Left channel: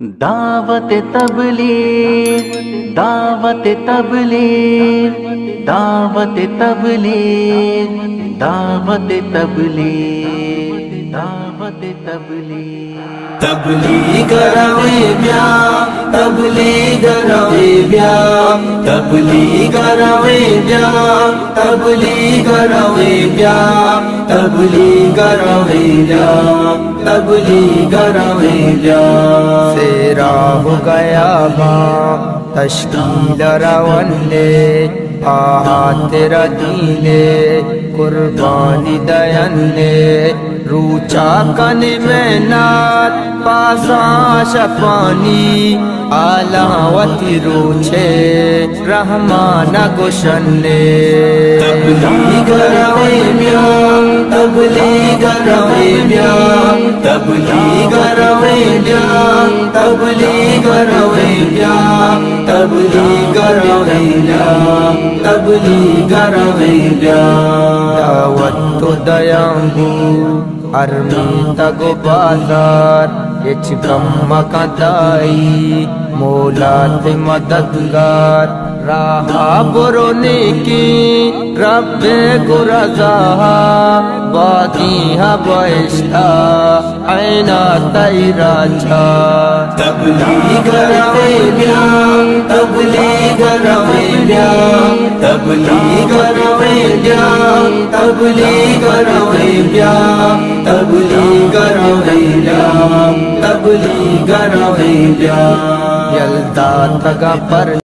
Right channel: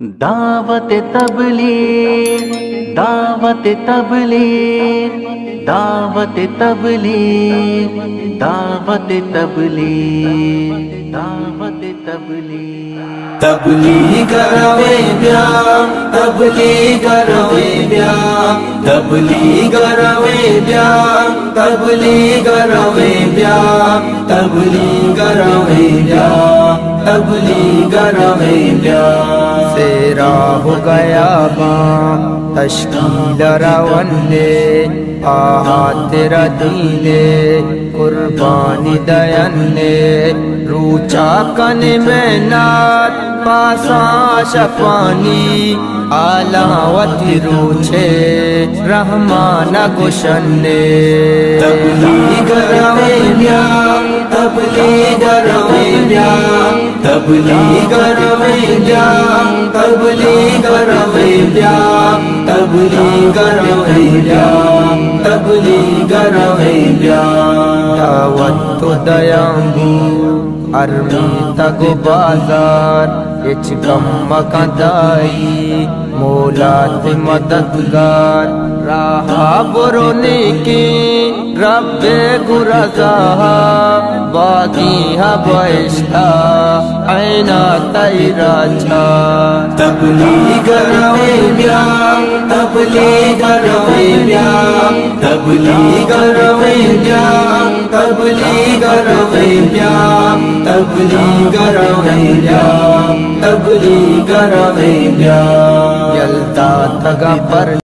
دعوت تبلیغ دعوت تبلیغ دعوت تبلیغ دعوت تبلیغ دعوت تبلیغ تبلیغ روے بیا تبلیغ روے بیا تبلیغ روے بیا تبلیغ روے بیا تبلیغ روے بیا تبلیغ روے بیا سیرا ہو گیا باں تشکیل رونے آہا تیرا دینے قربانی دینے روچا کن میں نات پاساں شپانی آلاوتی روچے رحمان گشنے تبلیغ روے بیا تبلیغ روے بیا تبلیغ روے بیا تبلیغ روے بیا تبلیغ روے بیا تبلیغ روے بیا دعوت تو دیامبو ارمی تگو بازار اچ کم مکندائی مولات مددگار راہا برونی کی رب گرزا باغی بائشتا عینا تیرا چار تبلیغ روے بیا تبلیغ روے بیا تبلیغ روے بیا تبلیغ روے بیا تبلیغ روے بیا تبلیغ روے بیا یلدا تگا پر